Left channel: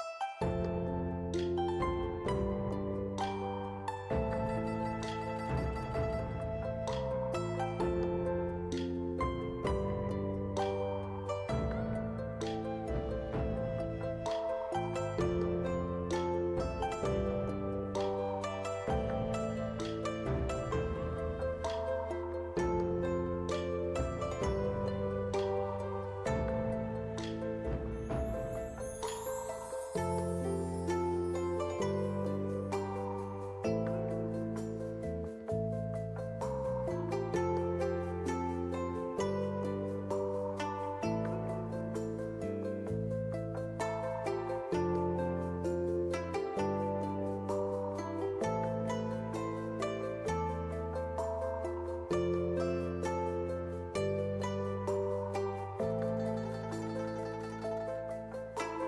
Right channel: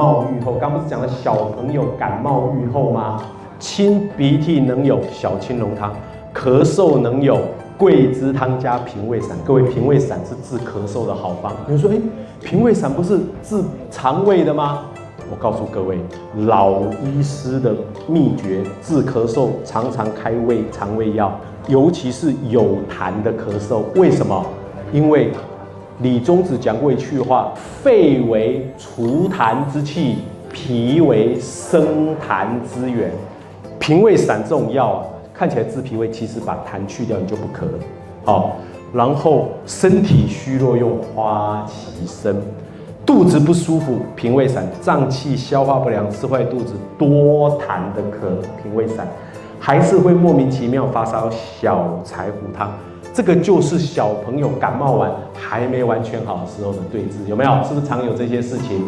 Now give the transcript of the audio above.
冒愈后，刚不是讲了小朋友感冒愈后吗？清鼻涕能有小青龙汤，咳嗽能有桂枝汤加平胃散。各位，平胃散是治咳嗽的好方。有人说，平胃散不是治肠胃的吗？我告诉各位，老医师的秘诀，治咳嗽常常开肠胃药，尤其是有痰的咳嗽。为什么？因为李宗子讲过一句话：肺为除痰之器，脾为生痰之源。平胃散这种药啊，看起来治脾胃，其实把痰去掉你就不咳了。好，然后身体虚弱用花旗参，肚子不舒服平胃散，胀气消化不良吃坏肚子多痰的平胃散，还是会莫名其妙发烧小柴胡汤。这个就是小朋友感冒完还没完全好的时候的对治，有没有？是不是常有这些事情？